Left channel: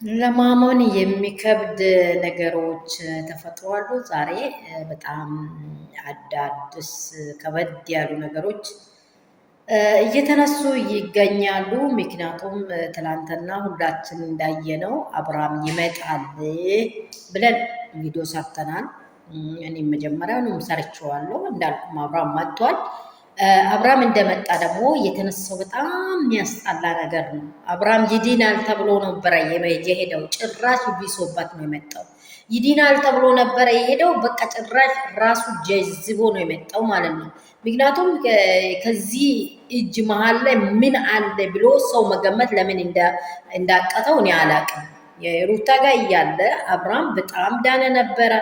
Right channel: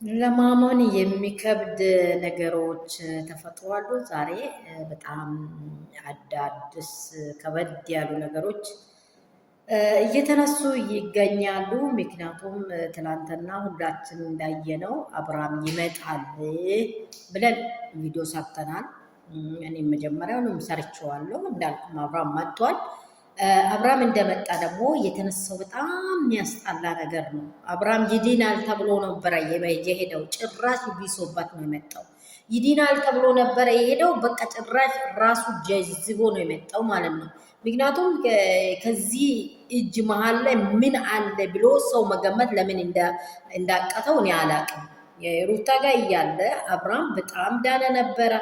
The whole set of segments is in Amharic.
ለማመን የሚከብድ ነገሮች ተፈጥሯሉ። ዛሬ በጣም አዳዲስ ከበድ ያሉ ነገሮች እየተነሱ ይገኛሉ። ምክንያቱም ትላንትና ሁላችን እንዳየነው አብርሃም ይመጣል ብለን ቪዲዮ ሰርተናል። እኔም መጀመሪያውንም ሰርቼዋለሁ እንዳልኩም አብርሃም መጥቷል። አብርሃም እንደመጣ ደግሞ የተነሳው በጣም የሚያስጠላ ነገር ነው። አብርሃም ይድናል ተብሎ ነበረ የሄደው፣ ጭራሽ ቢሶበት ነው የመጣው። ይድናል ተብሎ ነበረ የሄደው፣ በቃ ጭራሽ ራሱ ጀዝቦ ነው የመጣው ማለት ነው። ምክንያቱም ከዚህ እጅ መሀል ላይ ምን አለ ብሎ ሰው መገመት ለምን እንዳቀተው እኔ አላቅም። የሩታ ጋር እያለ አብርሃም በጣም ዳነ ነበረ።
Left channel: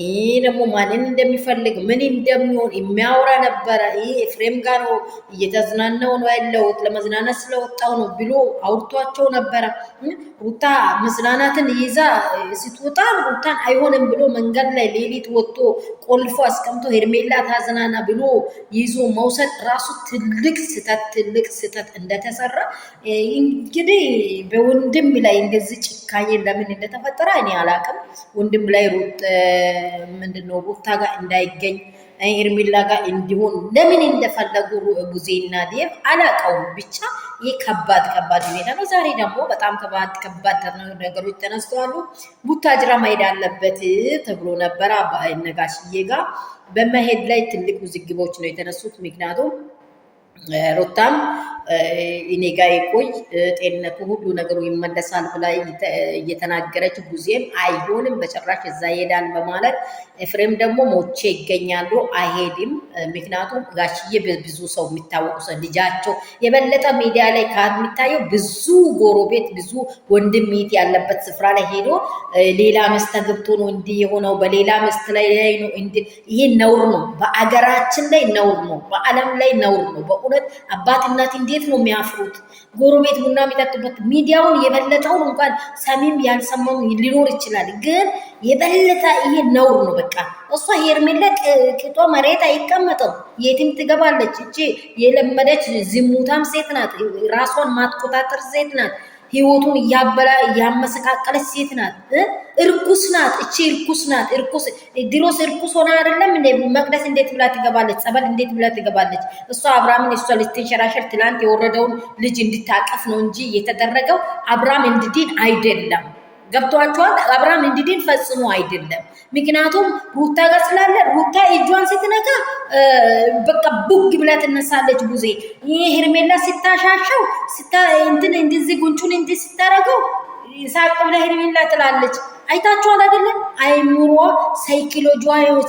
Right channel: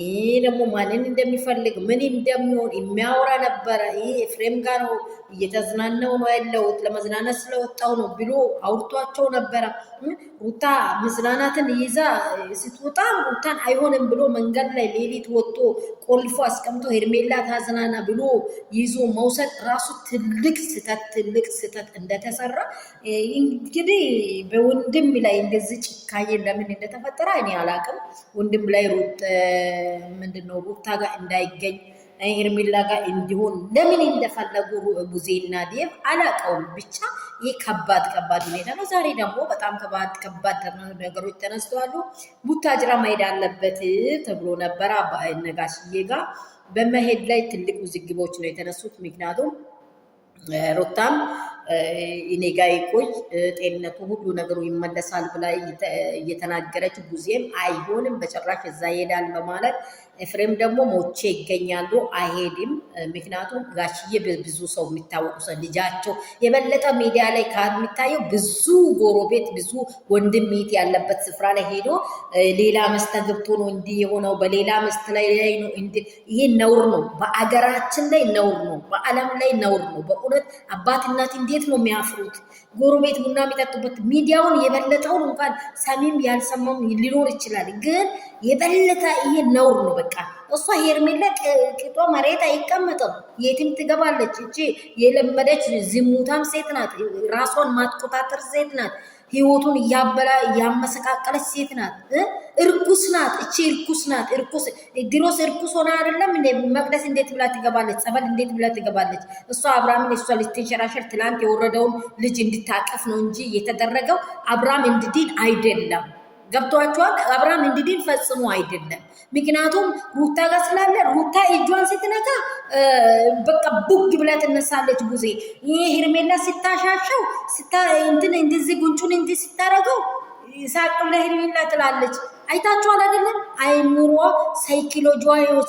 ይህ ደግሞ ማንን እንደሚፈልግ ምን እንደሚሆን የሚያወራ ነበረ። ይህ ኤፍሬም ጋር ነው እየተዝናናው ነው ያለሁት ለመዝናናት ስለወጣው ነው ብሎ አውርቷቸው ነበረ። ሩታ መዝናናትን ይዛ ስትወጣ ሩታን አይሆንም ብሎ መንገድ ላይ ሌሊት ወጥቶ ቆልፎ አስቀምጦ ሄርሜላ ታዝናና ብሎ ይዞ መውሰድ ራሱ ትልቅ ስህተት እንደተሰራ እንግዲህ በወንድም ላይ እንደዚህ ጭካኔ ለምን እንደተፈጠረ እኔ አላውቅም። ወንድም ላይ ምንድነው ሩታ ጋር እንዳይገኝ ሄርሜላ ጋር እንዲሆን ለምን እንደፈለጉ ቡዜና ዴቭ አላውቀውም። ብቻ ይህ ከባድ ሁኔታ ነው። ዛሬ ደግሞ በጣም ከባድ ነገሮች ተነስተዋሉ። ቡታጅራ መሄድ አለበት ተብሎ ነበረ። ነጋሽዬ ጋር በመሄድ ላይ ትልቅ ውዝግቦች ነው የተነሱት። ምክንያቱም ሩታም እኔ ጋ ይቆይ ጤንነቱ ሁሉ ነገሩ ይመለሳል ብላ እየተናገረች ቡዜም አይሆንም በጭራሽ እዛ ይሄዳል በማለት ኤፍሬም ደግሞ ሞቼ ይገኛሉ አይሄድም። ምክንያቱም ጋሽዬ ብዙ ሰው የሚታወቁ ሰው ልጃቸው የበለጠ ሚዲያ ላይ ከሚታየው ብዙ ጎረቤት ብዙ ወንድም ሚት ያለበት ስፍራ ላይ ሄዶ ሌላ መስት ገብቶ ነው እንዲህ የሆነው በሌላ መስት ላይ ነው። ይሄ ነውር ነው፣ በአገራችን ላይ ነውር ነው፣ በዓለም ላይ ነውር ነው። በእውነት አባት እናት እንዴት ነው የሚያፍሩት? ጎረቤት ቡና የሚጠጡበት ሚዲያውን የበለጠውን እንኳን ሰሚም ያልሰማው ሊኖር ይችላል፣ ግን የበለጠ ይሄ ነውር ነው። በቃ እሷ ሄርሜላ ቅጧ መሬት አይቀመጥም፣ የትም ትገባለች። እቺ የለመደች ዝሙታም ሴት ናት፣ ራሷን ማትቆጣጠር ሴት ናት፣ ህይወቱን እያመሰቃቀለች ሴት ናት። እርኩስ ናት። እቺ እርኩስ ናት። ድሮስ እርኩስ ሆና አይደለም መቅደስ እንዴት ብላ ትገባለች? ጸበል እንዴት ብላ ትገባለች? እሷ አብርሃምን እሷ ልትንሸራሸር ትላንት የወረደውን ልጅ እንድታቀፍ ነው እንጂ የተደረገው አብርሃም እንድድን አይደለም። ገብቷቸዋል። አብርሃም እንድድን ፈጽሞ አይደለም። ምክንያቱም ሩታ ጋር ስላለ ሩታ እጇን ስትነካ በቃ ቡግ ብላ ትነሳለች። ቡዜ ይሄ ሄርሜላ ስታሻሸው እንትን እንደዚህ ጉንጩን እንዲህ ስታረገው ሳቅ ብላ ሄርሜላ ትላለች። አይታችኋል አይደለም? አይምሯ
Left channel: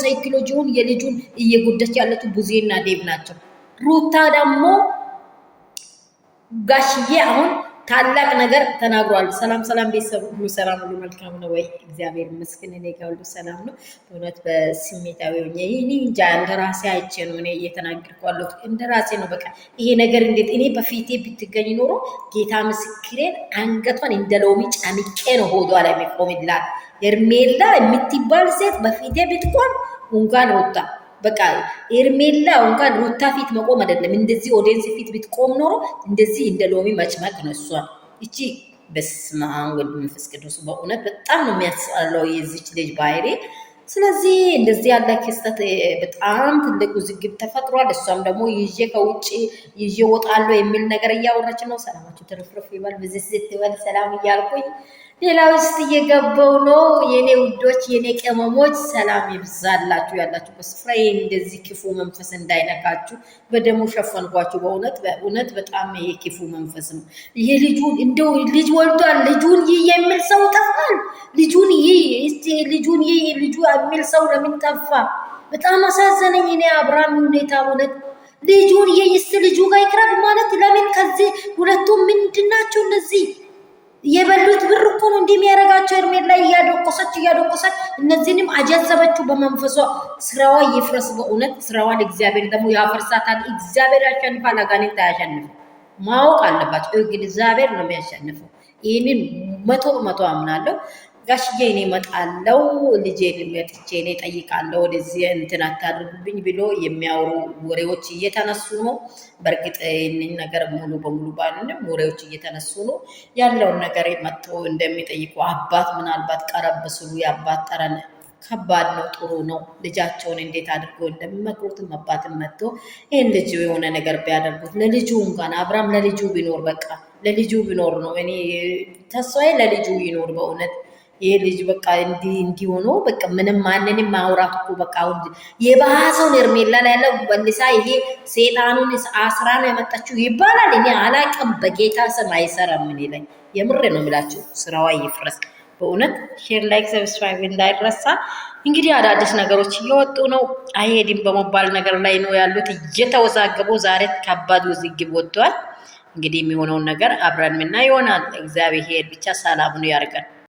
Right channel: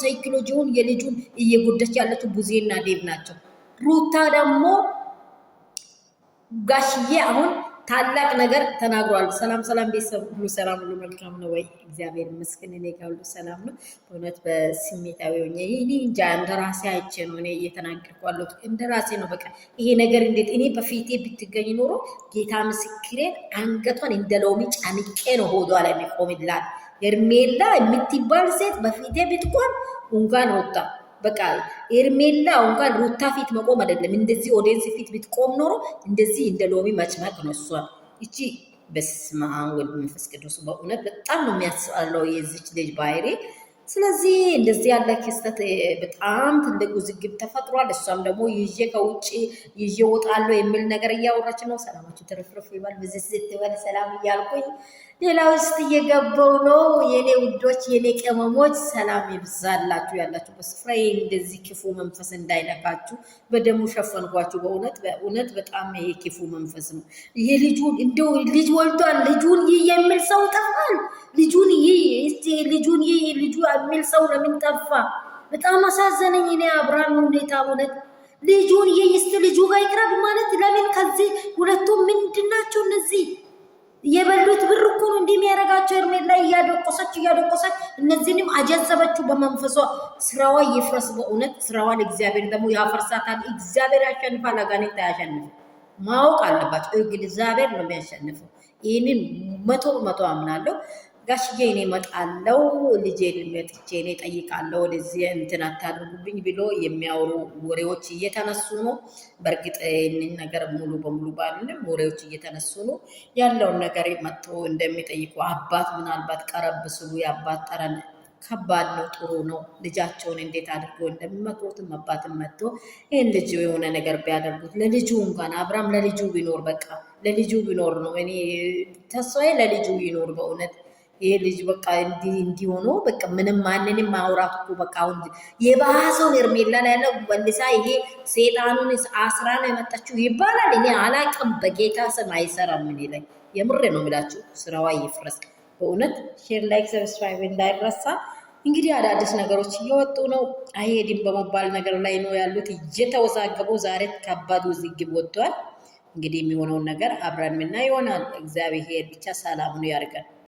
ሳይኮሎጂውን የልጁን እየጎደች ያለችው ቡዜና ዴቭ ናቸው። ሩታ ደግሞ ጋሽዬ አሁን ታላቅ ነገር ተናግሯል። ሰላም ቤተሰብ ሁሉ ሰላም ሁሉ መልካም ነው ወይ? እግዚአብሔር ይመስገን እኔ ጋር ሁሉ ሰላም ነው። በእውነት በስሜታዊ ሆኜ እኔ እንጃ እንደራሴ አይቼ ነው እኔ እየተናገርኩ ያለሁት እንደራሴ ነው። በቃ ይሄ ነገር እንዴት እኔ በፊቴ ብትገኝ ኖሮ ጌታ ምስክሬን አንገቷን እንደ ሎሚ ጨምቄ ነው ሆዷ ላይ የሚቆምላት። ሄርሜላ የምትባል ሴት በፊቴ ብትቆም እንኳን ሩታ በቃ ሄርሜላ እንኳን ሩታ ፊት መቆም አይደለም እንደዚህ ኦዲየንስ ፊት ብትቆም ኖሮ እንደዚህ እንደ ሎሚ መጭመቅ ነው እሷን። እቺ በስመ አብ ወወልድ ወመንፈስ ቅዱስ በእውነት በጣም ነው የሚያስጠላው የዚች ልጅ ባህሪ። ስለዚህ እንደዚህ ያለ ክስተት በጣም ትልቅ ውዝግብ ተፈጥሯል። እሷም ደግሞ ከውጭ ይዤ ወጣለሁ የሚል ነገር እያወራች ነው። ሰላማችሁ ተረፍረፍ ይባል ብዝት ይበል ሰላም እያልኩኝ ሌላ ውስጥ እየገባው ነው። የኔ ውዶች የኔ ቅመሞች ሰላም ይብዛላችሁ ያላችሁበት ስፍራ። ይሄ እንደዚህ ክፉ መንፈስ እንዳይነካችሁ በደሙ ሸፈንኳችሁ። በእውነት በጣም ይሄ ክፉ መንፈስ ነው። ይሄ ልጁን እንደው ልጅ ወልዷል ልጁን ይህ የሚል ሰው ጠፋል። ልጁን ይህ ልጁ የሚል ሰው ለምን ጠፋ? በጣም አሳዘነኝ። እኔ አብርሃም ሁኔታ እውነት ልጁን ይህ ልጁ ጋር ይቅረብ ማለት ለምን? ከዚህ ሁለቱም ምንድናቸው እነዚህ? የበሉት ብር እኮ ነው እንደሚያረጋቸው። ሄርሜላ እያደቆሰች እነዚህንም አጀዘበችው በመንፈሷ። ስራዋ ይፍረስ በእውነት ስራዋን እግዚአብሔር ደግሞ ያፈርሳታል። እግዚአብሔር ያሸንፋል፣ አጋንንት አያሸንፍም። ማወቅ አለባቸው። እግዚአብሔር ነው የሚያሸንፈው። ይህንን መቶ አምናለሁ። ጋሽዬ እኔ እመጣለሁ ልጄን መጥቼ እኔ እጠይቃለሁ ወደዚህ እንትን አታድርጉብኝ ብሎ የሚያወሩ ወሬዎች እየተነሱ ነው። በእርግጥ ይህንን ነገር ሙሉ በሙሉ ባንንም ወሬዎች እየተነሱ ነው። ያለውን ነገር መጥቶ እንደሚጠይቁ አባት ምናልባት ቀረብ ስሉ የአባት ጠረን ከባድ ነው። ጥሩ ነው። ልጃቸውን እንዴት አድርገው እንደሚመክሩትም አባትም መጥቶ ይህን ልጅ የሆነ ነገር ቢያደርጉት ለልጁ እንኳን አብርሃም ለልጁ ቢኖር በቃ ለልጁ ቢኖር ነው እኔ ተስፋዬ ለልጁ ይኖር በእውነት ይሄ ልጅ በቃ እንዲሆኑ በቃ ምንም ማንንም ማውራት እኮ በቃ አሁን የባሰውን ሄርሜላ ላይ ያለው በልሳ ይሄ ሴጣኑን አስራ ነው የመጣችው ይባላል። እኔ አላቅም። በጌታ ስም አይሰራም። ምን ይለኝ የምሬ ነው የሚላችሁ። ስራዋ ይፍረስ በእውነት። ሼር ላይክ ሰብስክራይብ እንዳይረሳ። እንግዲህ አዳዲስ ነገሮች እየወጡ ነው። አይሄድም በመባል ነገር ላይ ነው ያሉት እየተወዛገቡ። ዛሬ ከባድ ውዝግብ ወጥቷል። እንግዲህ የሚሆነውን ነገር አብረን ምና ይሆናል። እግዚአብሔር ብቻ ሰላሙን ያርገን።